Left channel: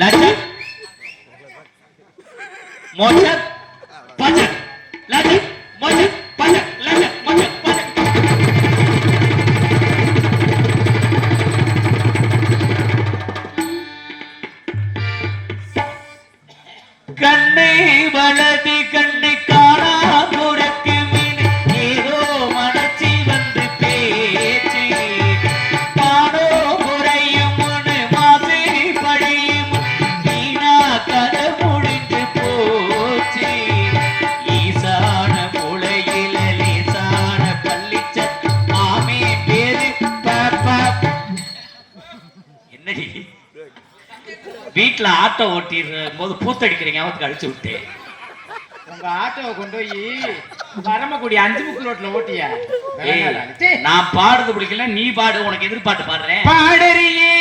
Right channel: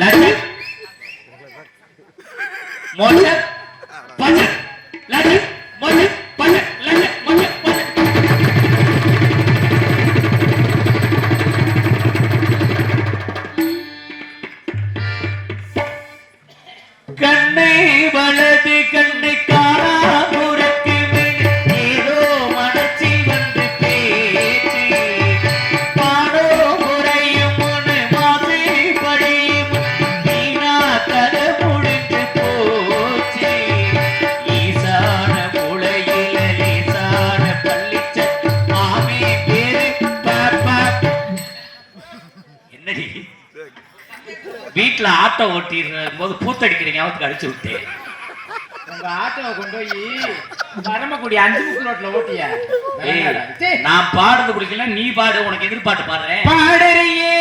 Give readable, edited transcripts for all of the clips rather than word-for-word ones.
லட்சம் மோச்சர் பச்சர் லட்சம் மோச்சர் பச்சர் லட்சம் மோச்சர் பச்சர். கண்ணை வலது கண்ணை காணா புறக்கு ஏதோ மனச்சி வந்து பேச்சு காணோ முறையும் மாசை படியும் நீனா கதை முடிந்து போச்சு ஈசான முளையில லேசான கள்ளிச்ச மாமே பேரு என்னடி வீட்டுல ஆட்டோ ஓட்டிடுற போது பூத்தடிக்கிறீங்க அவத்துக்கு அடிச்சு விட்டு உங்க ஆட்டோவை கொண்டு போய் பரமக்குடி 5 முக்கு ரோட்ல ஓட்டிய. நான் பாடுறது பிடிக்கல, நீ பாடு. உனக்கு எதிர்பாட்டு பாடுறேன். பாடறியே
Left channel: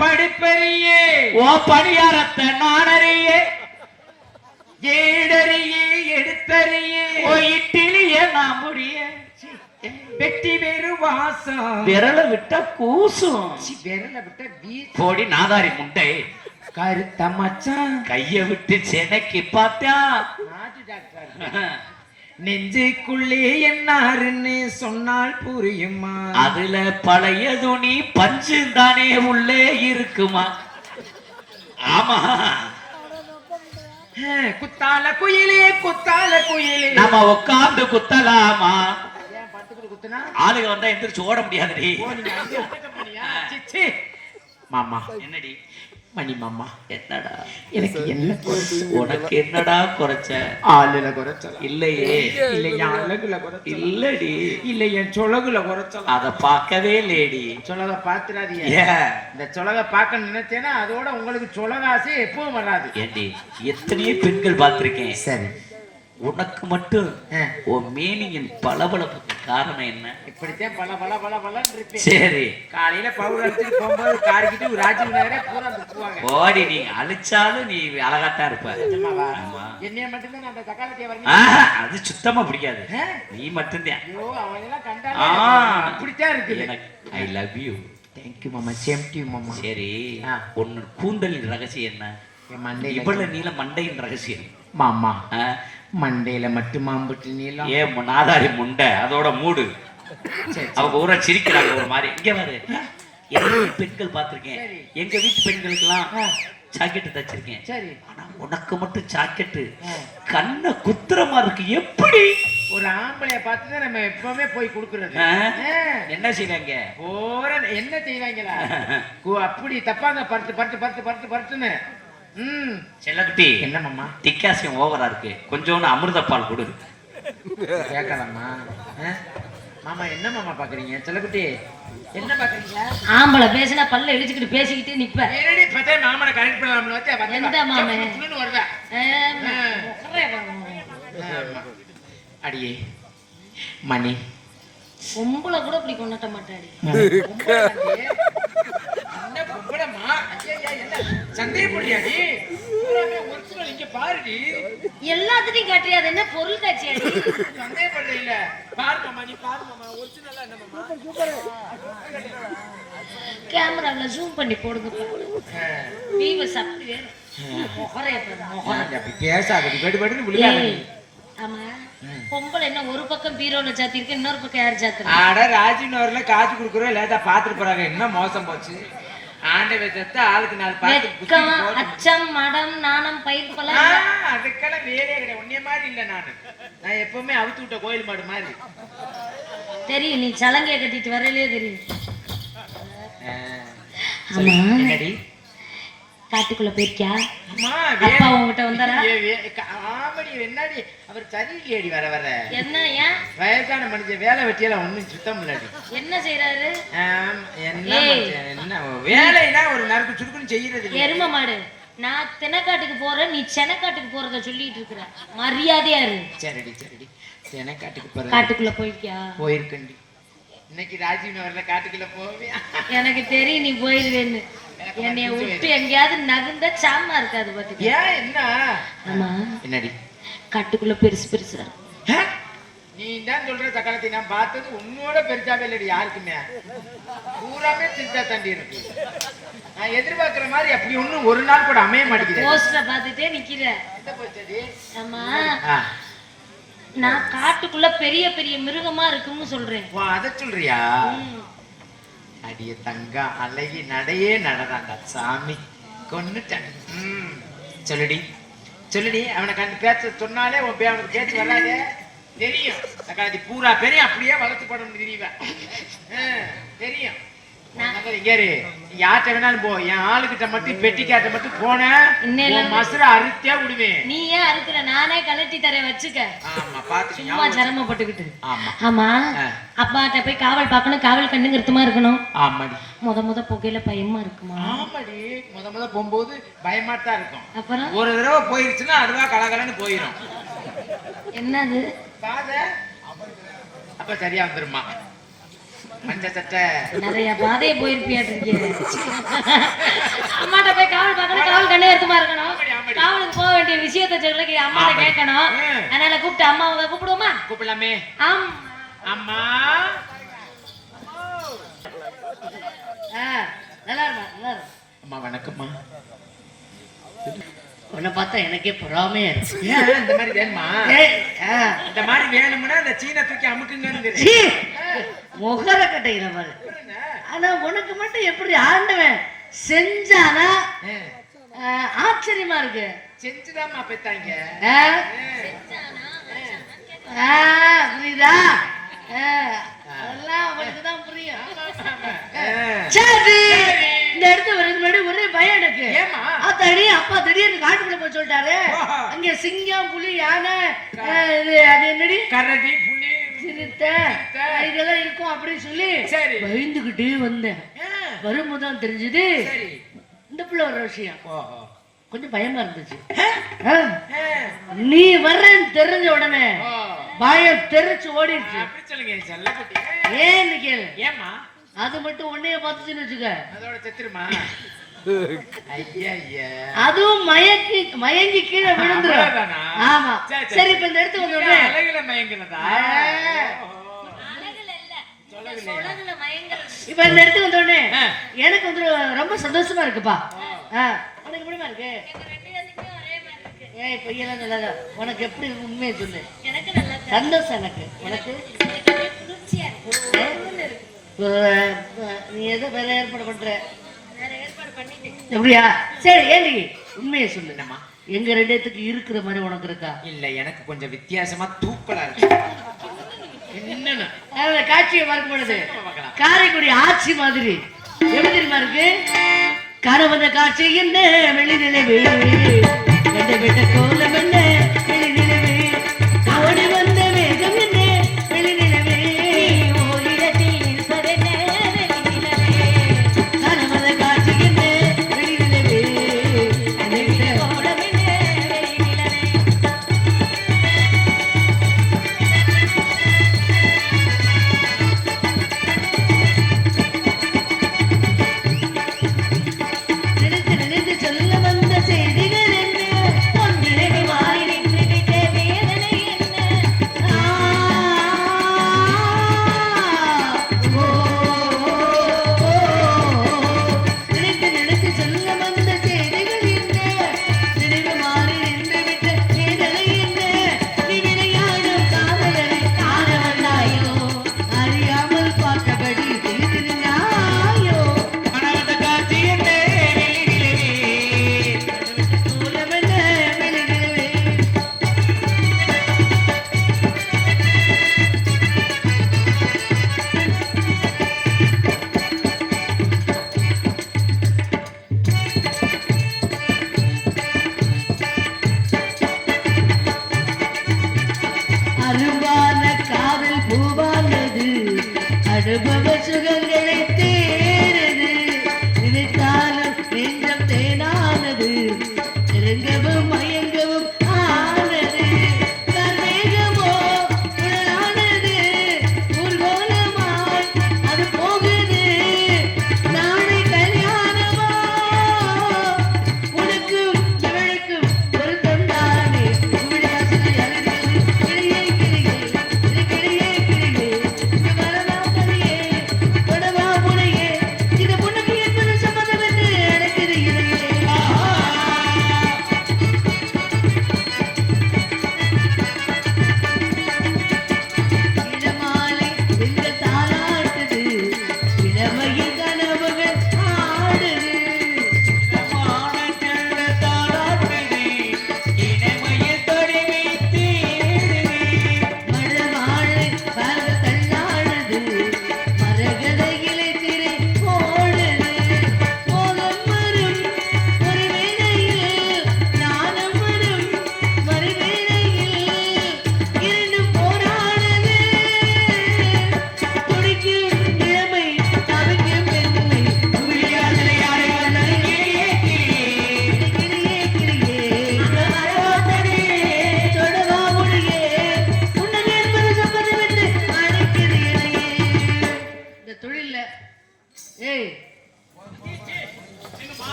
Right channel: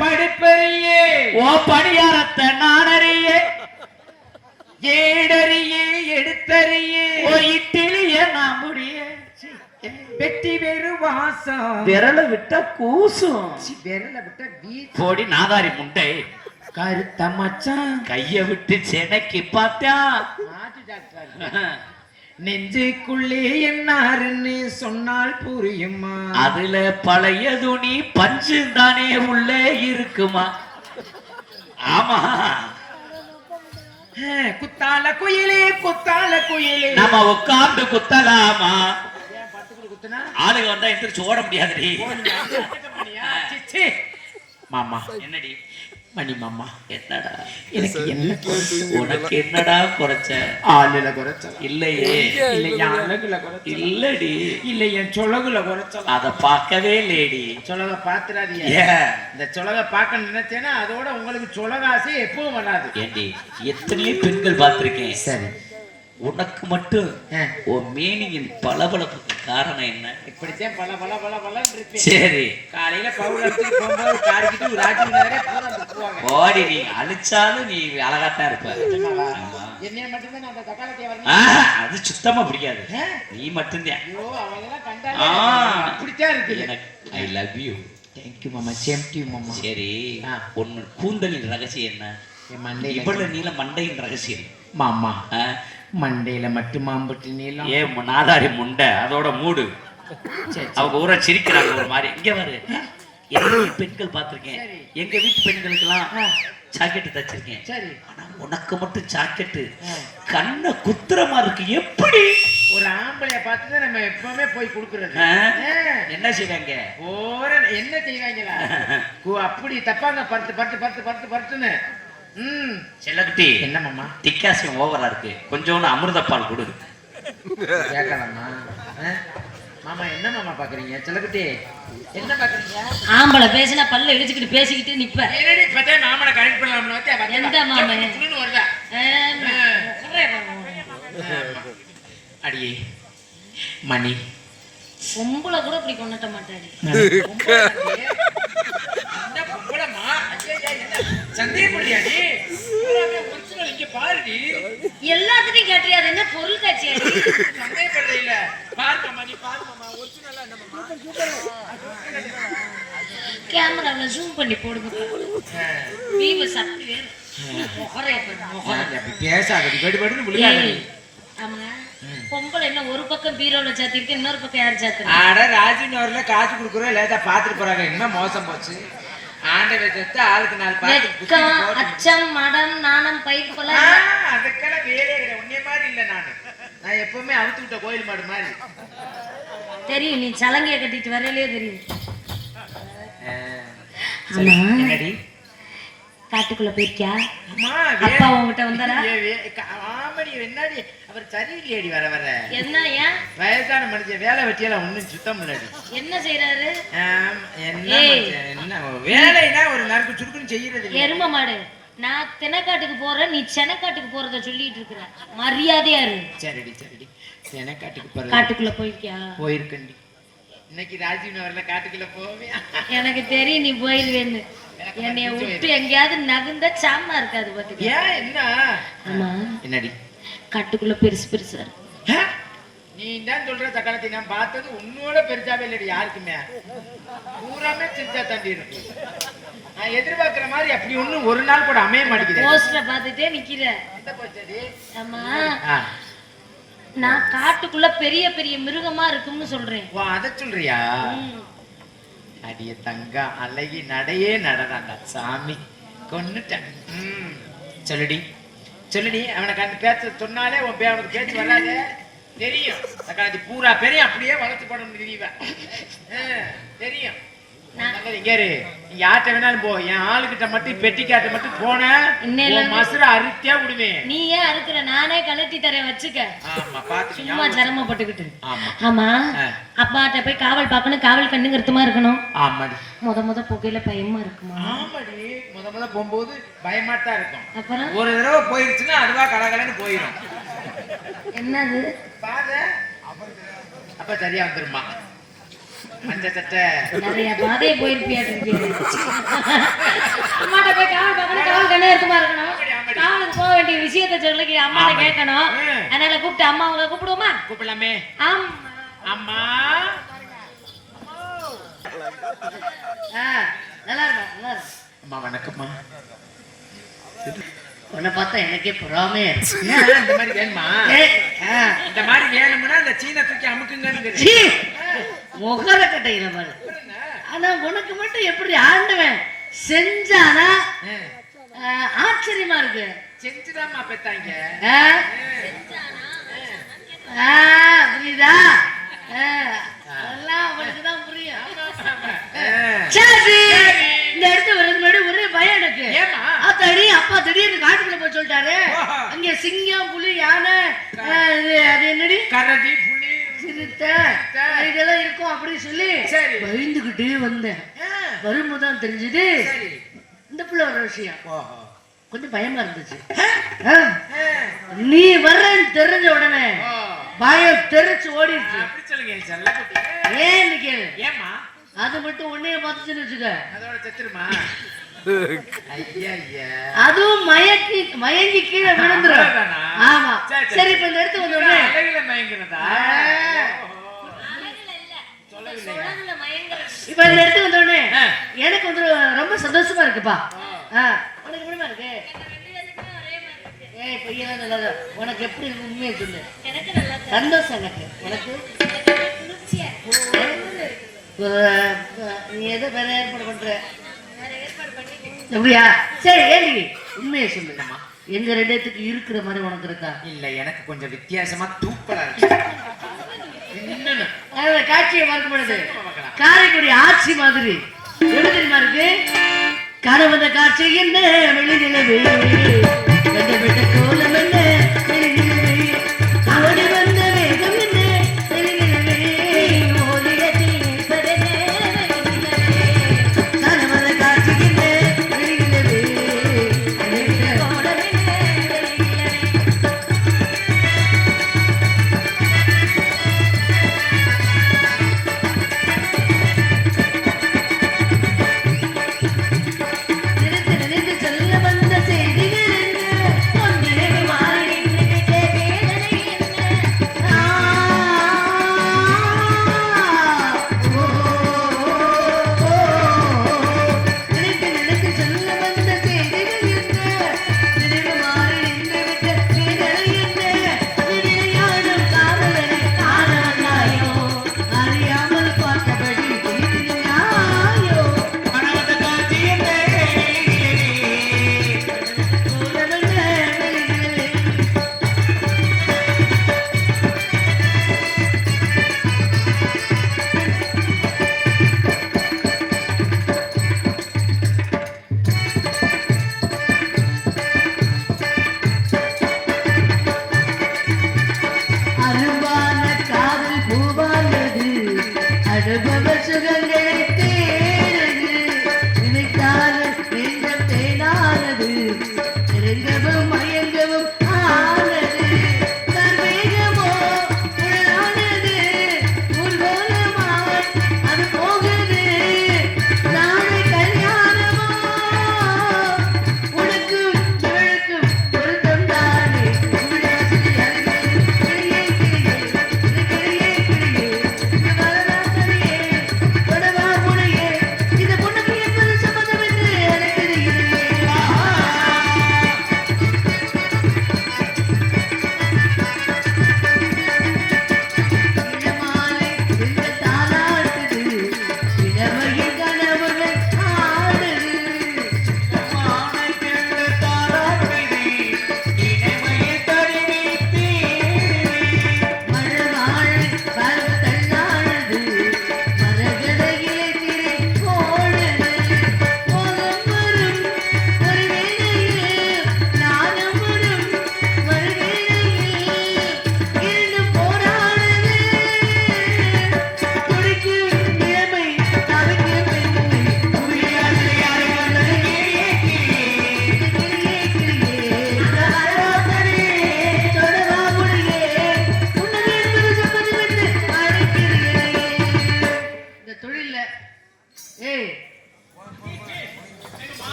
படிப்பறியே ஓ படியாரத்தை நானறியே ஏடறியே எடுத்தறியே ஓ இட்டிலிய நான் முடிய வெட்டி வேறு வாசம் விரல விட்ட கூசும் விரல விட்ட வீச்சு போடி நாதாரி முண்டை கருத்த மச்சான் கைய விட்டு சென்னைக்கு பார்த்தா நாட்டு டாக்டர் நெஞ்சுக்குள்ளே என்னாருன்னு சொன்னால் புரியுமா? அதுல பழைய துணி பஞ்சு தானே உள்ளே இருக்குமா? ஆமா குத்தால குயிலே குத்தால குயிலே நம்ம உட்கார்ந்து குத்தலாமா? குத்துனா ஆளுக வந்தா எந்திரிச்சு ஓட முடியாதுடி. மாமா என்னடி மணி மாமா என்னடா எனக்கு உனக்கு என்னடா குறைச்ச? ஆளுல குறைச்சலாம் இல்லையே. இல்ல என் அழகுல குறைச்சலாம் இல்லடி. இல்ல என் சொலகுல குறைச்சலாம். அத பார்க்கவே லேடி. சொலக பாத்துறாதீங்க. இந்த சொலக பார்க்க நினைச்சேன்னா அதோட உங்களுக்கு சொலகாசே எப்பவும் வராது. ஏண்டி எத்தனையோ பெண்கள் பார்த்திருக்கேன். சரி உனக்கு மட்டும் உன் மேனியின் பளபளப்புக்கு காரணம் என்ன? இப்படித்தான் பல பல பல பலன்னு இருப்பேன். சரி காலையில பவுடர் அடிச்சு போகும்போது காரிக்கிட்டு ஒரு ராஜ்யம் நேரே பூரா துப்புவாங்க. ஓடி நீ அழிச்சாலும் நீ அழகாத்தான் இருப்ப. என்னைய மட்டும்தான் அந்த தக்காளி அது சுத்தமா பிடிக்காது. நீ மட்டும்தான். ஐயோ அவன் எல்லாம் கண்டாலே அப்படித்தான் இருக்குது. I love you. தேங்க்யூ மாமா. சேம் டு யூ மாமா. சரி ஒன்னு கூந்தலின் ரகசியம் என்ன? இவ்வளவு நீல மண்டையின் ரகசியம் மாமா. மண்டையில மட்டும் மாம்பட்டு நீளம். ஏன் நாதாரி முண்டை அதோட மூடு. அவங்க ஊரா சிரிக்கிறாங்க மாதிரி. இங்க பாரு, எல்லா பெண்கள் பார்த்திருக்கேன். எங்க வீட்டு பெண்களுக்கு எல்லாம் ஜாக்கெட்டு தச்சிருக்கேன். சரி ஆனா உனக்கு மட்டும் ஜாக்கெட்டு கண்ணை குத்துறமா இருக்கு. எப்படி ஒரு ஆம்பளைய பார்த்துதான் நம்ம எப்பவுமே போய் கொடுக்கறது? என்ன செய்வாங்க? என்ன செய்வாங்களா? அப்படி தப்பாங்க பருத்து பருத்து பருத்து பருத்து பருத்துன்னு. செல்லக்குட்டி என்ன மாமா? டிக்காசியம் ஓவரா இருக்கு, கொஞ்சோண்டு அமிர்த பால் கொடு. கேட்கலாமா மாமா? என்ன மாமா பாக்குறீங்க? செல்லக்குட்டி என்ன பாக்குறீங்க? ஆம்பளை பேசினா பல்ல இடிச்சுக்கிட்டு பேசிக்கிட்டு நிப்ப. என்னடி பத்தே மாமனை கரெக்ட் பண்ணலாம்னு வச்சா எந்த மாமே வருவா? அடியே மணி பொம்பளை கூட இப்படி கொண்டாட்ட மாட்டாடி. சந்தேகப்படியாடி இங்க பாருடி. எல்லாத்தையும் கேட்டியா? அது என்ன பொருள் காட்சியாடி? சந்தேகப்படல இல்ல. பாருங்க மணி, பாருமா ஒரிஜினலா என்ன மாமா? கேமரால ஜூம் பண்ணி போடுங்க. வீவ சக்தி வேற. முகரே அப்படி பேசாதடி, வெடுவெடுன்னு விளையாடு. ஆமா பொம்பளை என்ன ஒரு பக்கம் பீரோல சாத்திருக்கு, இன்னொரு பக்கம் யார் சாத்துறா? ஆட ராஜினூர்ல காசு குடுக்குறோம் லேட்டா பாத்துட்டு போறாங்க. என்ன மோசம் போச்சு. ஆண்டவை செத்த ஆளுக்கு 4 பாத்து அச்சம் மடம் நாணம் பயிர் கொலை அதுக்கெல்லாம் வேறே இல்லை. உன்னைய மாதிரி இல்ல. நான் எப்பவுமே அவுத்து விட்ட கோயில் மாடு மாதிரி தெரியும். நீ சலங்கைய கட்டிட்டு வரலே தெரியும். என்னடி காட்டுக்குள்ள போயிருக்கியா? அப்பா உங்ககிட்ட வந்தாரா? ஆமடி என்னடி அவர் சரியில்லையடி. வர வர என்ன? ஏன் வயசான மனுஷன் வேலை வெட்டியெல்லாம் ஒண்ணும் சுத்தம் முன்னாடி என்ன செய்யறாரு? என்ன வேலைனா ஒரு நறுக்கு சுருக்குன்னு செய்யறது. எரும மாடு, நான் தெனக்காட்டுக்கு போறேன், நீ செனக்காட்டுக்கு போறத சொல்லிட்டு இருக்கிற. மரியாதையா இரு. சரிடி சரிடி. செனக்காட்டுக்கு போற காட்டுக்குள்ள போயிருக்கியா? போயிருக்கண்டி. இன்னைக்கு ராஜீவ் நகர்ல காட்டுக்குள்ள போவியா? எனக்கு தெரியும் நீ போயிருவேன்னு. என்னைய விட்டு எங்கேயாவது நகர்ந்தா சாமா இருக்காது பாத்துக்க. ஏன் என்ன? ஆமா என்னடி காட்டுக்குள்ள பெருசு பெருசா நீ தான் சொல்ற சக்கரத்தை நான் பார்த்தது உன்னோட பெருசாவே இல்லடி யாருக்குமே. பூராமே சிரிச்சா தாண்டி இருக்கு. நான் எதிர்பார்க்கிற மாதிரி அப்படி ஒண்ணும் ஒரு நாள் கூட அமைய மாட்டேங்குது. போஸ்டரை பார்த்துட்டே நிக்கிற. என்ன போச்சது? ஆமா, நான் காட்டுக்குள்ள பெரிய பெரிய மிருகமா இருக்கும்னு சொல்றேன். ஓ அத சொல்றியா? அடிய தங்கம் அழகி நடையே நடறாங்க சாமி கொன்னுட்டேன். சொல்லுடி சொல்லுடி. அவனுக்கு அந்த பேச்ச சொன்னாலே உன் அவனுக்கு பேச்சு வராது தெரியும். அக்காதி பூரா பெரிய அப்படியே வளர்த்து படம் தெரியுவேன் தெரியும். யார்கிட்ட வேணாலும் போ, என் ஆளுகிட்ட மட்டும் பெட்டிக்காட்ட மட்டும் போனேன் மசுர அறுத்தியா விடுவேன். நீ ஏன் அறுக்கல? நானே கலட்டி தரேன் வச்சுக்க. சும்மா சிரமப்பட்டுக்கிட்டு. ஆமா, அப்பாட்ட போய் காவல் பார்க்கணும், காவல் கண்ணுங்கிறதுமா இருக்கணும். ஆமாடி. முத புகையில பயமா இருக்குமா? ஆமாடி, முத போகும்போது பயமாத்தான் இருக்கும். அப்புறம் ஒரு தடவை போயிருச்சுன்னா அதுவா கலகலன்னு போயிடும். என்னது பாத அப்ப சரியா வந்துருமா. மஞ்ச சட்டை நிறைய பாதையை போயிருப்பியாட்டு இருக்கீங்க. அம்மாட்ட போய் காவல் பார்க்கணும், காவல் கண்ணுங்கருத்துமா இருக்கணும். காவலுக்கு போக வேண்டிய விஷயத்த சொல்ல அம்மாட்ட கேட்கணும். அதனால கூப்பிட்டு அம்மா அவங்க கூப்பிடுவோமா? கூப்பிடலாமே. அம்மா நல்லா இருக்கும். அம்மா வணக்கம்மா. உன்னை பார்த்தா எனக்கே பொறாமே இந்த மாதிரி வேணுமா? இந்த மாதிரி வேணும்னா இந்த சீனை தூக்கி அமுக்குங்க. முகர கட்டையில மாதிரி. ஆனா உனக்கு மட்டும் எப்படி ஆண்டவன் செஞ்சானா ஆச்சரியமா இருக்கு. செஞ்சுதாம்மா பெத்தாங்க. புரியுதா? அதெல்லாம் அவனுக்கு தான் புரியும். சரி, இந்த இடத்துல ஒரு முன்னாடி ஒரே பயம் எனக்கு. அத்தாடி அப்பா திடீர்னு காட்டுக்குள்ள போய் சொல்லிட்டாரு. அங்க சிங்கம், புலி, யானை, அது என்னடி கரடி, புலி, சிறுத்தை இதெல்லாம் இருக்கும் அப்படின்னு சொல்லி பயந்துகிட்டே வந்தேன். வரும்போதுதான் தெரிஞ்சது இந்த பிள்ளை வர விஷயம். கொஞ்சம் பயமா இருந்துச்சு. நீ வர்றன்னு தெரிஞ்ச உடனே பயம் தெரிச்சு ஓடிடுச்சு. ஏன்னு கேளு. ஏமா அது மட்டும் உன்னைய பார்த்துச்சுன்னு வச்சுக்க, அதோட செத்துருமா? அதுவும் மயங்கி கீழே விழுந்துரும். ஆமா, சரி. இப்ப இந்த இடத்துக்கு வந்த உடனே இப்ப இந்த இடத்துக்கு வந்த உடனே எனக்கு வந்து ரொம்ப சந்தோஷமா இருக்குப்பா. உனக்கு எப்படிமா இருக்கு? ஏய் பையன் நல்லதா. உனக்கு எப்படி உண்மையை சொல்லு. சந்தோஷம் எனக்கு. உனக்கு நீ எதோ வேற ஏற்பாடு பண்ற எப்படியா? சரி ஏழி உண்மையை சொல்லுங்கம்மா. எங்க ரெண்டத்துக்கு இருக்கிற மாதிரி உனக்கு இருக்கா? இல்ல, எனக்கு கொஞ்சம் வித்தியாசமா தூக்கலா இருக்கு. காட்சியை பார்க்கும் பொழுது காரைக்குடி ஆட்சி மாதிரி எப்படி தெரியுமா இருக்கு? கரவத காட்சி என்ன வெளிநிலவே கண்டபெட்ட கோலம் என்ன வெளிநிலவே ஓடி வந்த வேகம் என்ன வெளிநிலவே கரவத காட்சி என்ன வெளிநிலவே சொல்ல வந்த செய்திகள் என்ன பொன்னிலை மாறி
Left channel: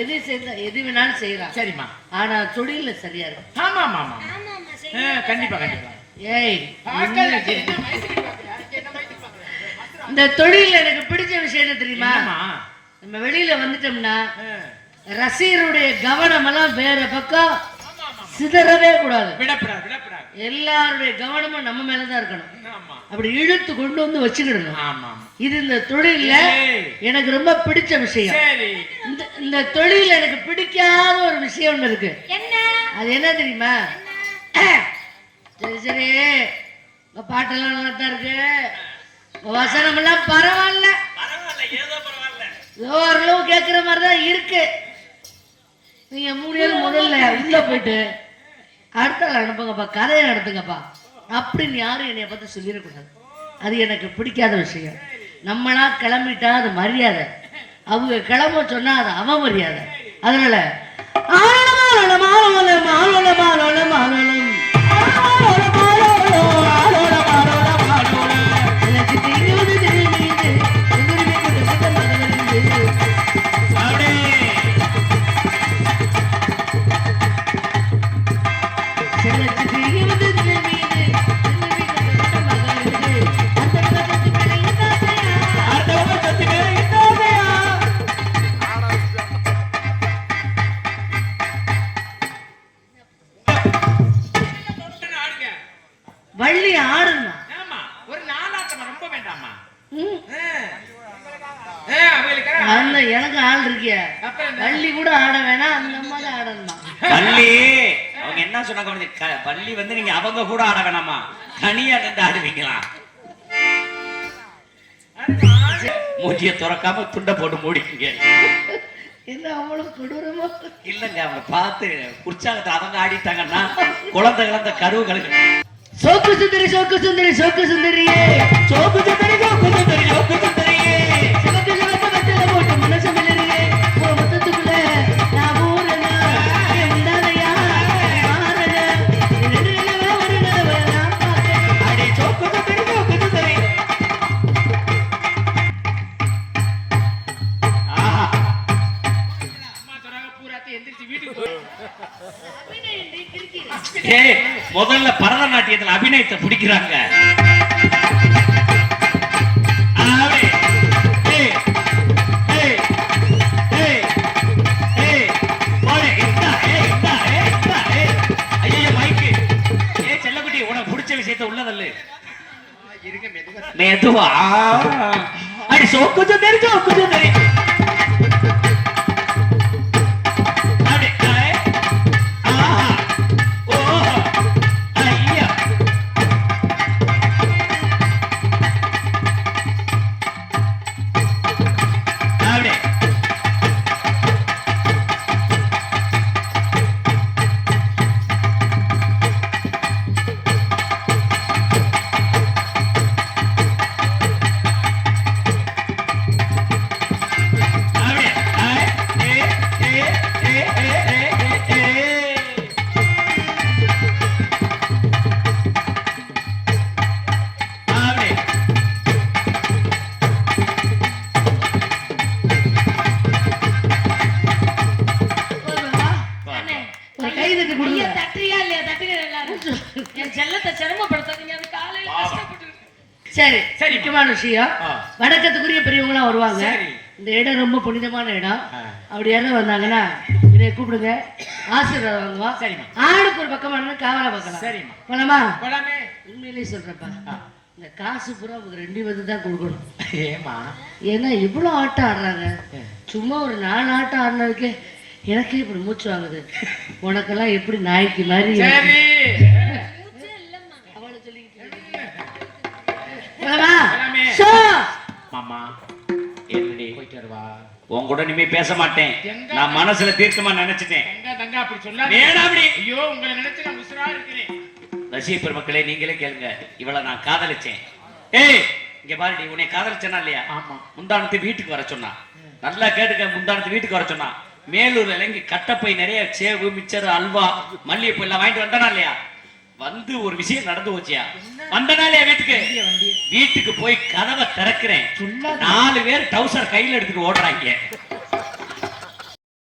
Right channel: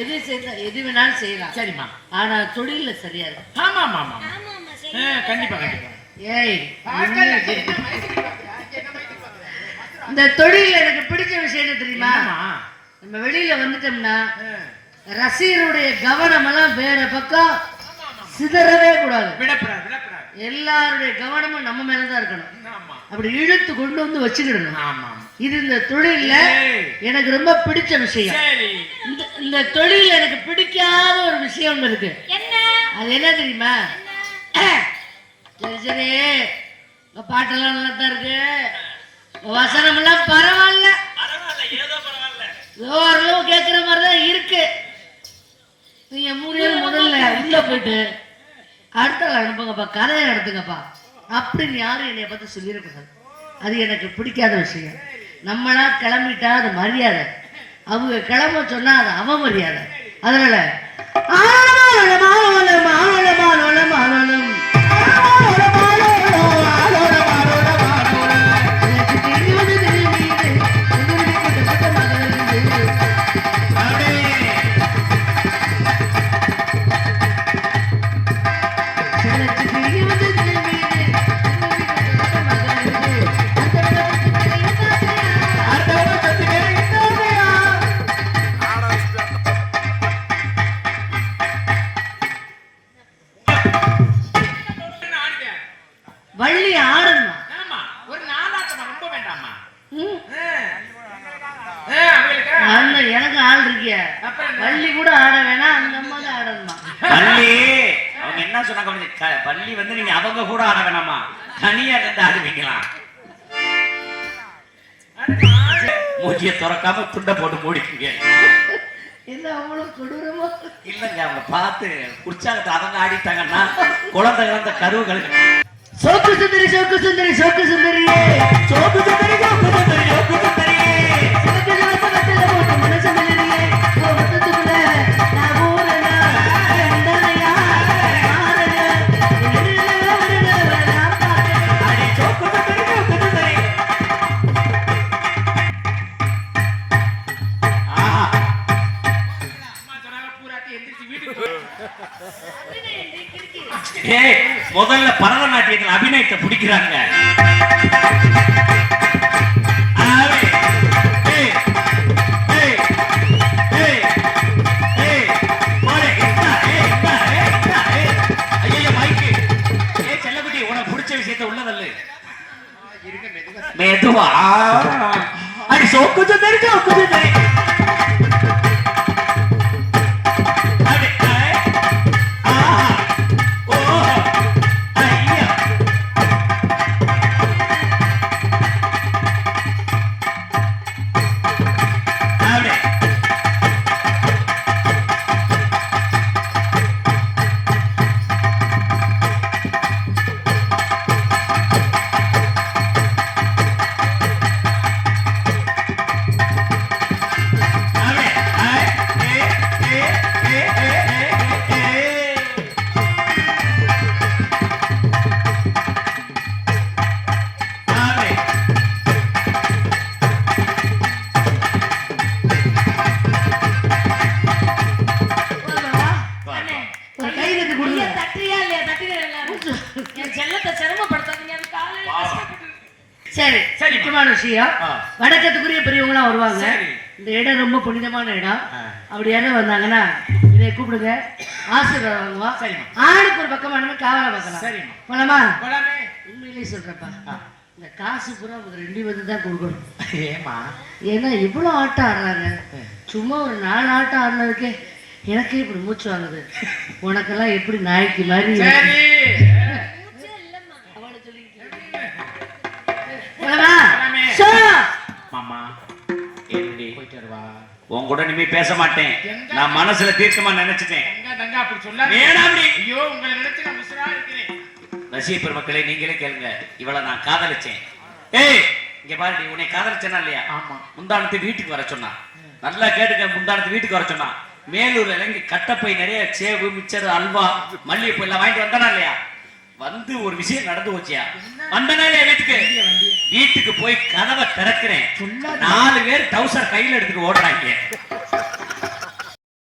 எது செய்ய எது வேணாலும் செய்யலாம். சரிம்மா. ஆனா தொழில சரியா இருக்கு. ஆமா ஆமா ஆமா. கண்டிப்பா கண்டிப்பா. ஏய் இந்த தொழில எனக்கு பிடிச்ச விஷயம் என்ன தெரியுமா? நம்ம வெளியில வந்துட்டோம்னா ரசிகருடைய கவனம் எல்லாம் வேற பக்கம் சிதறவே கூடாது. எல்லாருடைய கவனமும் நம்ம மேலதான் இருக்கணும். அப்படி இழுத்து கொண்டு வந்து வச்சுக்கிடணும். இது இந்த தொழில எனக்கு ரொம்ப பிடிச்ச விஷயம். இந்த தொழில எனக்கு பிடிக்காத ஒரு விஷயம் ஒண்ணு இருக்கு. அது என்ன தெரியுமா? சரி சரி பாட்டெல்லாம் நல்லா தான் இருக்கு, வசனம் எல்லாம் பரவாயில்ல, ஓரளவு கேட்கிற மாதிரிதான் இருக்கு. நீங்க முதல்ல உள்ள போயிட்டு அடுத்த அனுப்புங்கப்பா, கதையை நடத்துங்கப்பா அப்படின்னு யாரும் என்னைய பத்தி சொல்லியிருக்காங்க. அது எனக்கு பிடிக்காத விஷயம். நம்மளா கிளம்பிட்டா அது மரியாதை, அவங்க கிளம்ப சொன்னா அது அவமரியாதை. அதனால வள்ளி ஆடணுமா? ஒரு நாளாட்டம் ரொம்ப வேண்டாமா? எனக்கு ஆள் இருக்கிய வள்ளி கூட ஆட வேணாம், அந்த அம்மா தான் ஆடணுமா? பள்ளி அவங்க என்ன சொன்னாங்க? பள்ளி வந்து நீங்க அவங்க கூட ஆட வேணாமா, தனியா நின்று ஆடுவீங்களா? மூச்சியை திறக்காம துண்டை போட்டு மூடிக்கீங்க. என்ன அவ்வளவு கொடூரமா? இல்லங்க, அவங்க பார்த்து உற்சாகத்தை அவங்க ஆடிட்டாங்கன்னா குழந்தைகள் கருவுகள். சோக்கு சுந்தரி சோக்கு சுந்தரி சோக்கு சுந்தரியே சோக்கு சுந்தரி சோக்கு சுந்தரி சோக்கு சுந்தரியே மனசு மிளறியே மொத்தத்துக்குள்ள நான் ஊரனா எந்தனையா சோக்கு சுந்தரி சோக்கு சுந்தரி. முதல்ல பரதநாட்டியத்தில் அபிநயத்தை பிடிக்கிறாங்க. செல்லக்குட்டி உனக்கு பிடிச்ச விஷயத்த உள்ளதல்ல மெதுவா அடி சோக்கு சுந்தரி சோக்கு சுந்தரி. சரி சரி, முக்கியமான விஷயம். வணக்கத்துக்குரிய பெரியவங்களாம் வருவாங்க. இந்த இடம் ரொம்ப புனிதமான இடம். அப்படி யாரும் வந்தாங்கன்னா இதை கூப்பிடுங்க, ஆசீர்வாதம் வாங்குவா. சரி, ஆளுக்கு ஒரு பக்கமான காவலை பார்க்கலாம். சரி போலாமா? உண்மையிலேயே சொல்றப்பா, இந்த காசு பூரா அவங்க 2 பேருக்கு தான் கொடுக்கணும். ஏமா? ஏன்னா இவ்வளவு ஆட்டம் ஆடுறாங்க. சும்மா ஒரு 4 ஆட்டம் ஆடினதுக்கே எனக்கே இப்படி மூச்சு வாங்குது. உனக்கெல்லாம் எப்படி நாய்க்கு மாதிரி உன் கூட இனிமே பேச மாட்டேன். நான் மனசுல தீர்க்கமா நினைச்சிட்டேன். ரசிக பெருமக்களே, நீங்களே கேளுங்க. இவளை நான் காதலிச்சேன். ஏய் இங்க பாரு, உன்னை காதலிச்சேனா இல்லையா? ஆமா. முந்தானத்து வீட்டுக்கு வர சொன்னா, நல்லா கேட்டுக்க. முந்தானத்து வீட்டுக்கு வர சொன்னா, மேலூர்ல இறங்கி கட்டப்பை நிறைய சேவு மிச்சர் அல்வா மல்லிகைப்பூ எல்லாம் வாங்கிட்டு வந்தானா இல்லையா? வந்து ஒரு விஷயம் நடந்து போச்சியா? வந்தனால என் வீட்டுக்கு போய் கதவை திறக்கிறேன். 4 பேர் டவுசர் கையில எடுத்துட்டு ஓடுறாங்க.